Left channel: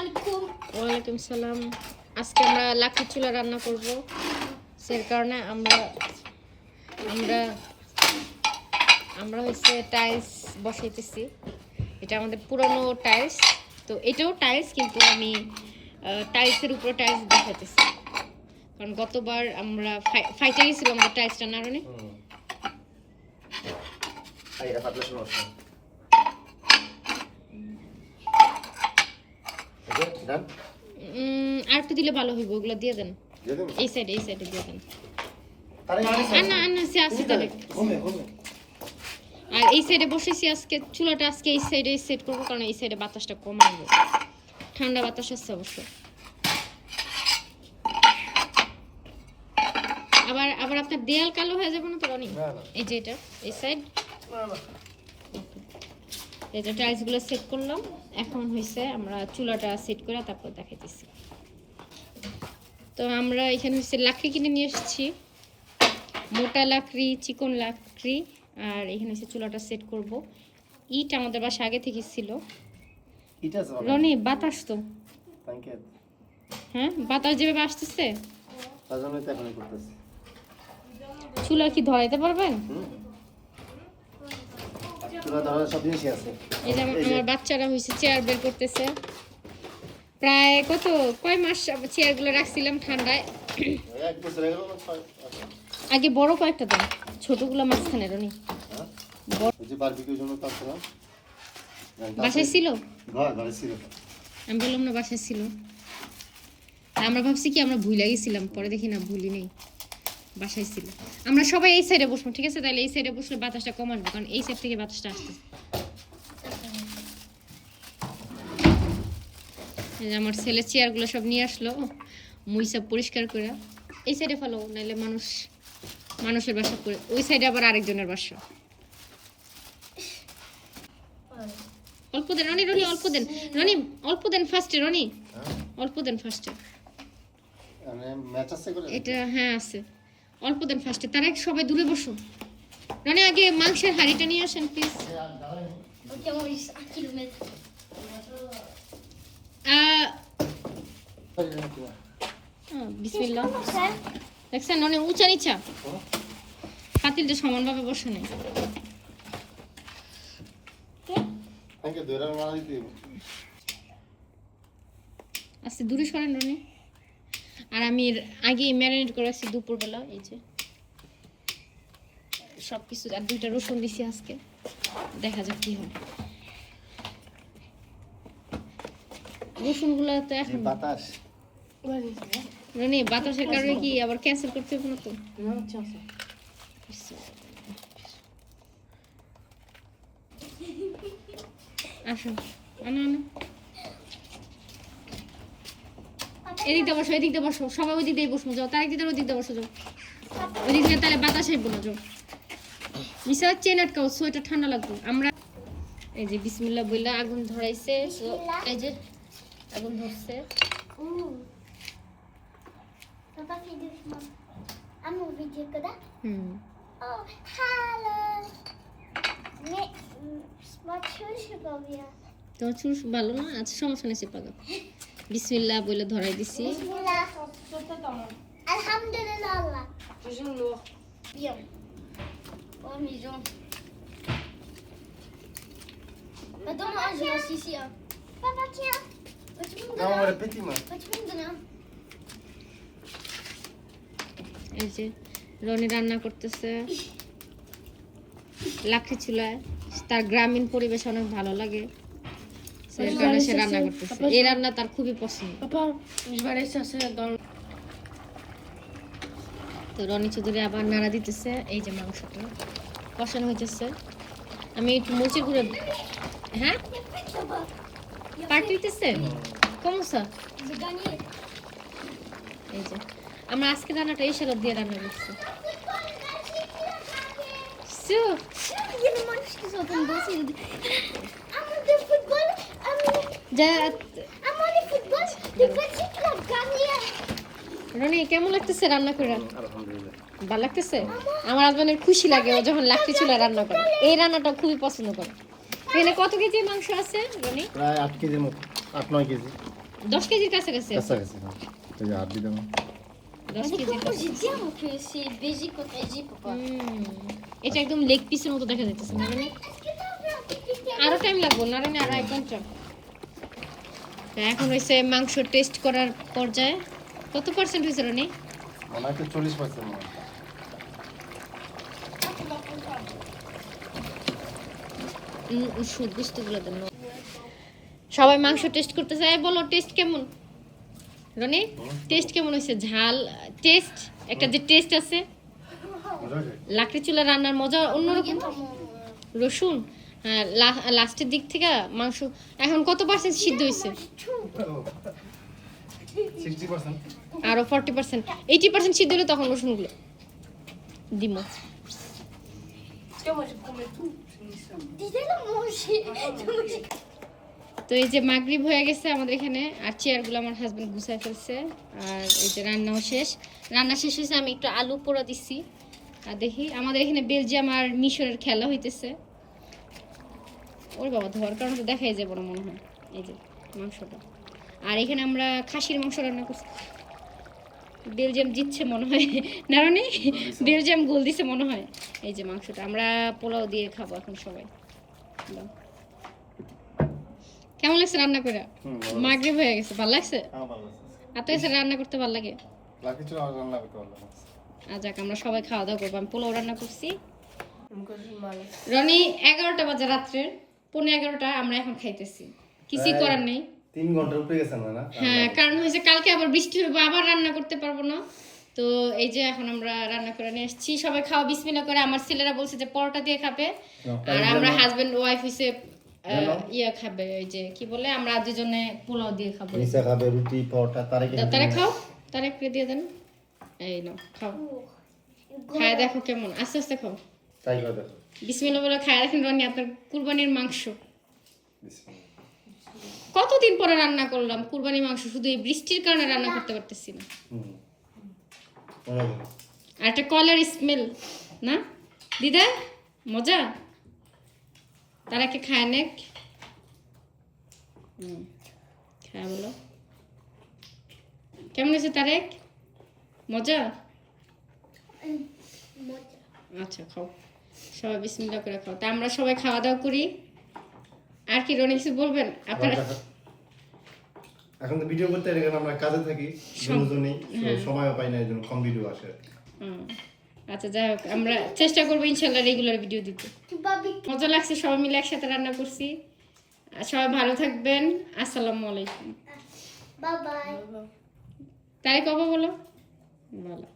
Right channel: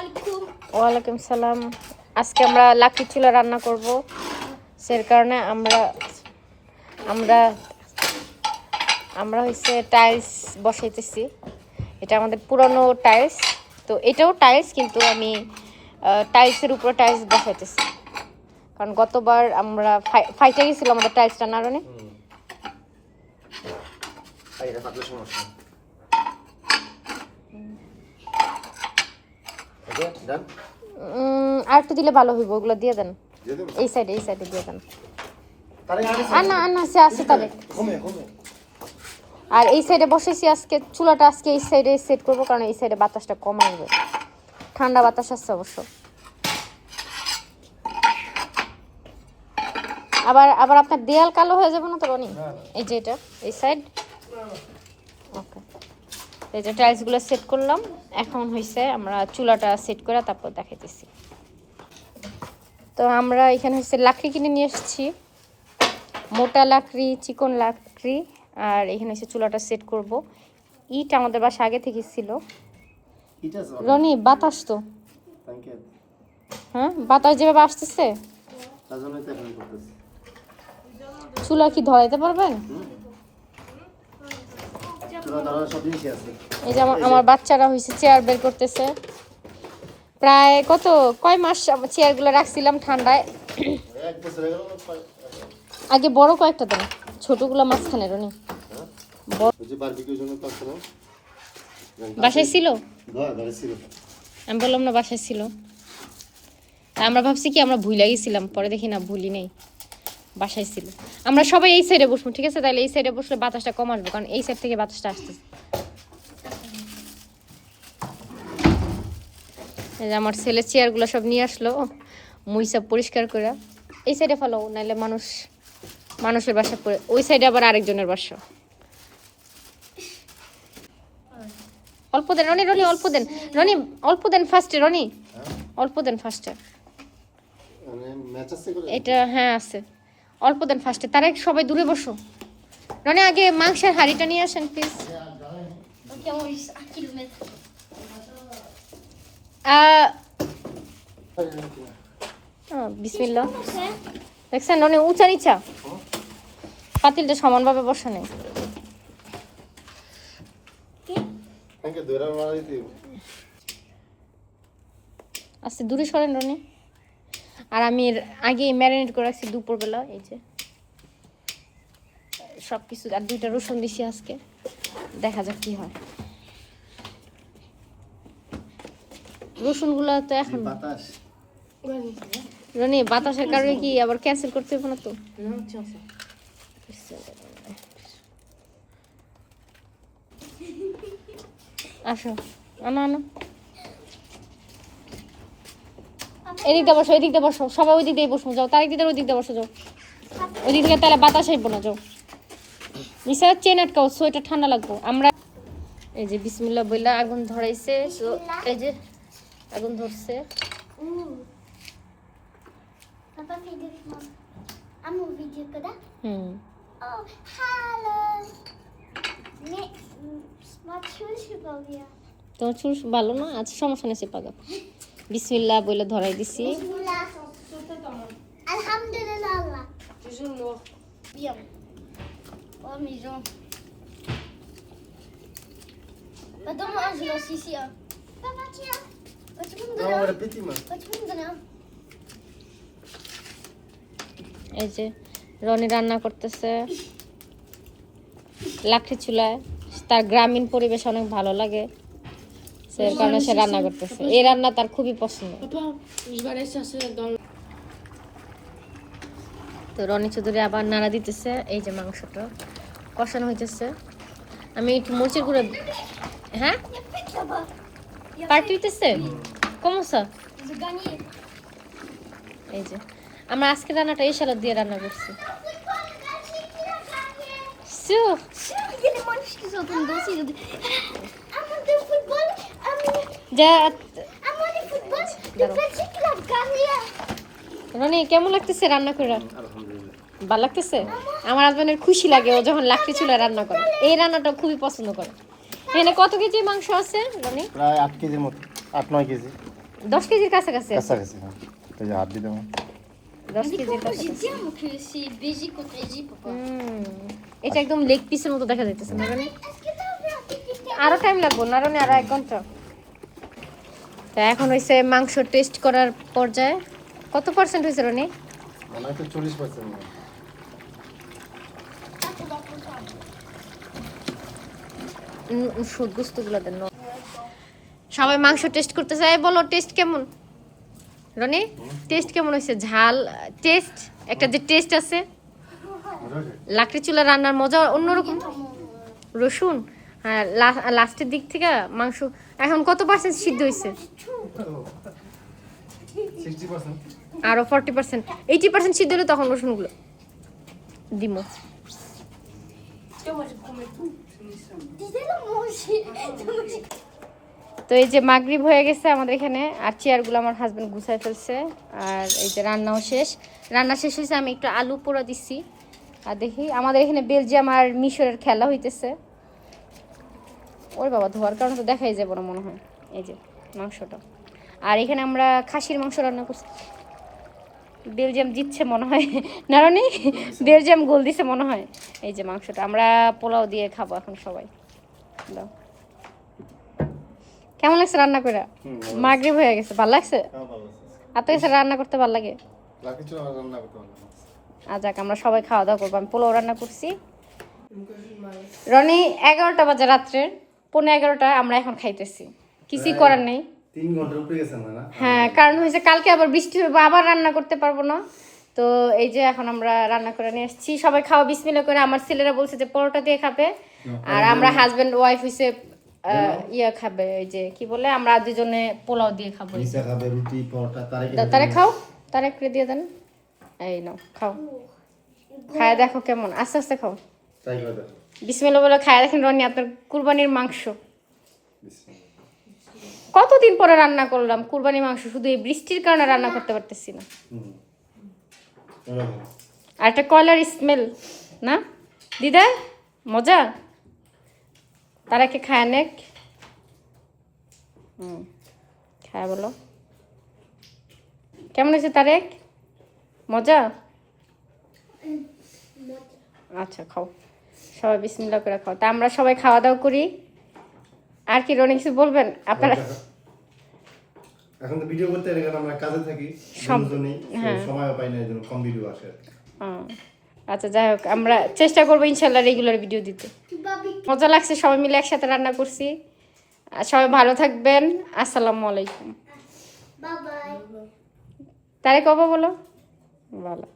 ওয়ালাইকুম সালাম। আজকে আমরা লাকড়ি চুলা রান্না করব, সেই কারণে আমরা হচ্ছে টাইলস বসাইতেছি। এটা আমাদের পুরনো টাইলস, তো এটাও টাইলস, কিন্তু আমি টাইলসের উপরে টাইলস বসাইতেছি, কারণ গতবার আমরা ফাইটে গেছিলাম আমাদের টাইলসটা না রানে। আর একটু দিলে ভালো হইব, ওগুলো দিয়ে দেন এই সাইডে দিয়ে দেন। আর না সে আছে তাহলে। আর এই সাইডে বসেছি আজকে, চুলাটা আজকে এই সাইডে সেট করবো, কারণ এই সাইডে বাতাসটা কম আসবে, ঠান্ডা বাতাস আসছে অবশ্য। আবার আপনার দেয়াল কালো হয়ে যাবে না তো রনি? এই যে এটা এই সাইড, ওকে। এই যে টাইলসগুলো সেট করলাম, এখন হয়েছে আমরা চুলাটা সেট করে তারপর দেখাইতেছি। তো আমরা এখানে হচ্ছে লাকড়ি কিনে নিয়ে এসেছি, মোটা লাকড়ি, চিকন লাকড়ি। আর এখানে এসে চুলাটা সেট করব। ইট আমাদের বাসা আগে থেকে ছিল। রনি বাতাস তো, হ্যাঁ বাতাস যেভাবে আসতেছে, চুলা কি ধরাইতে পারবেন? এই যে আমার বাচ্চারা হয়েছে চেয়ার বের করতেছে। প্রায় কয় মাস চেয়ারগুলো রাখছিলাম ঠান্ডায়। আগে বড় কয়েকটা দেন, ছোটগুলো মাঝখানে রনি। বাসায় ছিল, আমি বললাম না বাসায় ছিল। আমরা ভাবছি কি আমরা ভুলে গেছিলাম, পরে দেখি না ভুলি নেই, বাসায় ছিল। আমরা সবাই এই সাইডে বসবো, ঠিক আছে? তাহলে এই সাইডে বসলে বাতাসটা কম আসবে, কারণ এই সাইড থেকে বাতাসটা আসছে। এই যে আমার ছেলে চেয়ারগুলো সব নিয়ে আসলো, মুই সব পরিষ্কার করে। এই সাইডে ফেলো, নাহলে মানুষের বাসা করে, ওই সাইডে আবার আরেকজনের বাসা। অল্প দেন রনি, অল্প দেন রনি, অল্প দেন ফার্স্টে রনি, অল্প দেন ফার্স্টে। এটা হ্যাঁ আছে, অল্প দেন ফার্স্টে, তারা সবাই দূরে বসো। রনি আগে মাংসের হাঁড়িটা নিয়ে আসেন প্লিজ। বিসমিল্লাহ। দেখছেন রনি উঁচা নিচা, পাতিলটা সমানভাবে বসা নেই। আচ্ছা দূরে সরেন রনি। আর আমি আগে ম্যারিনেট করে রাখছি দুপুরবেলা, এই যে সব কিছু। আর 2টা রসুন দিছি আজকে, দেখা যাক কি হয়। রসুনগুলো তো এখন বাতাস রনি, বাতাসের কারণে কি আবার ক্যান্সেল করতে হবে না তো? আসো, আনো এদিকটা বসো, সবাই ওই দিক দিয়ে বসবো। যাও তার দিকে, ওই দিকটা বসো, যাও ওই দিক থেকে, তাহলে বাতাস আসবো না। যাও মিশা চেন আটকাও, সোয়েটার ঠান্ডা লাগবে। আমরা এই যে বিসমিল্লাহ বইলা আগুন ধরাইছে, এই যে আগুন ধরছে। তোমার চুল ভালো না? আচ্ছা সমস্যা নেই, পাকা। বিসমিল্লাহ বলে ধরাই দিছি। Alhamdulillah. Bien. Oh, maison. Donne-moi un, je lance ici. Papa, tiens. Tu me donnes. এই যে রনি রান্না করতেছে লাকড়ি চুলায়। তার গ্রামীণ পরিবেশ অনেক ভালো লাগে, সেই কারণে সে রান্না করতেছে। এই রান্না তার খুবই পছন্দ। তো রনি চৌধুরী আবার নাড়া দিতেছে। এই যে মাংসটা কষানো হইতেছে। আমি একটু মরিচের গুঁড়ো, হ্যাঁ পার্টি হইতেছে কমসা। এই যে আমরা আজকে রান্নাটা এই সালাদ দিয়ে রান্না করছি। রনি কেমন লাগতেছে রান্না করে? ভালো লাগতেছে? আমার হাজবেন্ডের খুশি লাগে ও যখন লাকড়ি চুলা রান্না করে। এই রান্নাটা খুবই পছন্দ করে। এখানে কত কেজি মাংস আছে রনি? প্রায় 8 কেজির মতো, 8-9 কেজি। 10 কেজির কাছাকাছি আছে। কাছাকাছি হ্যাঁ। এই যে হাত দিয়ে দেবো 10 Mais কেজির comment কাছাকাছি। j'ai dit que c'est Belgique contre Égypte, papa? এটা একদম লেগ পিসের মতো দেখা যাইতেছে না Roni? Est-ce que t'as vu un petit আরো টাইম লাগবে না রনি, আরো 1 ঘন্টা। তা এখন হইছে মাংস টেস্ট করার পর্যায়ে। কত পার্সেন্ট হইছে রনি? মনে হয় তো 40% মনে হয়। সুদ গুস্তুগুলো দেন না। সবাই মাংস টেস্ট করতে চায়, বলো টেস্ট কেমন? রনি টেস্ট কেমন হয়েছে? ঝাল টেস্ট, একটা যে টেস্ট আছে লাকড়ি চুলা রান্নার মজা অন্যরকম। রসুন হ্যাঁ, লাস্টের দিক থেকে মাংস এখন কত পার্সেন্ট সিদ্ধ হয়েছে? 60%। আরো 40%, 80% সিদ্ধ হলে তখন রসুনগুলো দিমো। Dis-le manger. তো এই যে মাগরিব হয়ে গেছে আমাদের এখানে, আর চেয়ারগুলো আমার হাজবেন্ড গুছায় ফেলছে, আর এই যে রান্নাও শেষ। রান্না শেষ হয়েছে, আমি একটু আলু পোড়া দিছি। আর দেখি আমাদের এখানে বেলজিয়াম আর মিশরের খেলা হইতেছে। ওরে বাবা, ধোয়ার কারণে তো দেখাই যাবে না মনে হয়। এই যে মাংসটা, আর এখানে আমরা খাসির মাংস রান্না করছি। বেলজিয়াম জিতছে মনে হয় না রানি? বেলজিয়াম গোল দিছে মনে হয়। এই যে মাংসটা আমরা পোলাও দিয়ে খাবো এখন সবাই। দাও। কেমন লাগছে রান্না করে? মাগরিব হয়ে গেছে, ভালো লাগছে? হ্যাঁ ভালো আছে। আপনার কাছে রান্না করতে ভালো লাগে? লাকি চুলা রান্না করতে পারলাম না। আজ আমরা সবাই খাওয়া দাওয়া করবো। আমি পোলাও রান্না করছি। রনি 11টা বাজে রাত্রে, 11:15 আমরা এখন খাইতেছি। কিছুই করার নেই। 3 ঘন্টার উপরে গেছে না? হ্যাঁ, কারণ হয়েছে কালকে আবার বৃষ্টি হবে, আবার রান্না করতে পারবো না। তো এই যে এখন আমরা রান্না করে নিয়ে আসছি, সবাই খাওয়া বিসমিল্লাহ করে। আমার ছেলেরা বলছে যে পরোটা দিয়ে খাবে, আর আমরা হাজবেন্ড ওয়াইফ হইছে ইয়া খাবে, ওই যে কি বলে, আমরা দুজনে পোলাও দিয়ে খাবো। নিচে খাবে রুটি পরোটা তারে খাও, তারে করে দিয়ে দেন। এই নাও খাও, খায় দেখো কেমন, আস্তে আস্তে খাও। ট্রাই করে দেখো। বিসমিল্লাহ বলে খায় দেখেন রনি, আপনার কুরবানির মাংস। বিসমিল্লাহ। কতদিন পরে রান্না করলাম কুরবানির মাংস, শুধু এই বৃষ্টির কারণে রান্না করতে পারতেছি না। ওরকম। আর একটা কয়লার স্মেল না দিদা, মজা। তারাকে খায় নেক, খায় বলো কেমন হয়েছে তারেক? মজা? আচ্ছা খাও, সবাই বিসমিল্লাহ করে খাও। তা আমরা সবাই খাওয়া দাওয়া করি। আর কি রনি কিছু বলবেন আপনারা? এখন তো ভিডিও করতে গেলে আমরা কাজে থাকি, দুজনেই সময় পাই না, এজন্য কম ভিডিও আসে। আচ্ছা যাই হোক, আমরা চেষ্টা করবো ইনশাল্লাহ রেগুলার ভিডিও দিতে। মজা লাগছে, সবাই মিলে একসাথে রান্না করছি। আর সবাই ভালো থাকবেন। আসসালামু আলাইকুম। Bye bye. তারে কবে বলো? ভালো।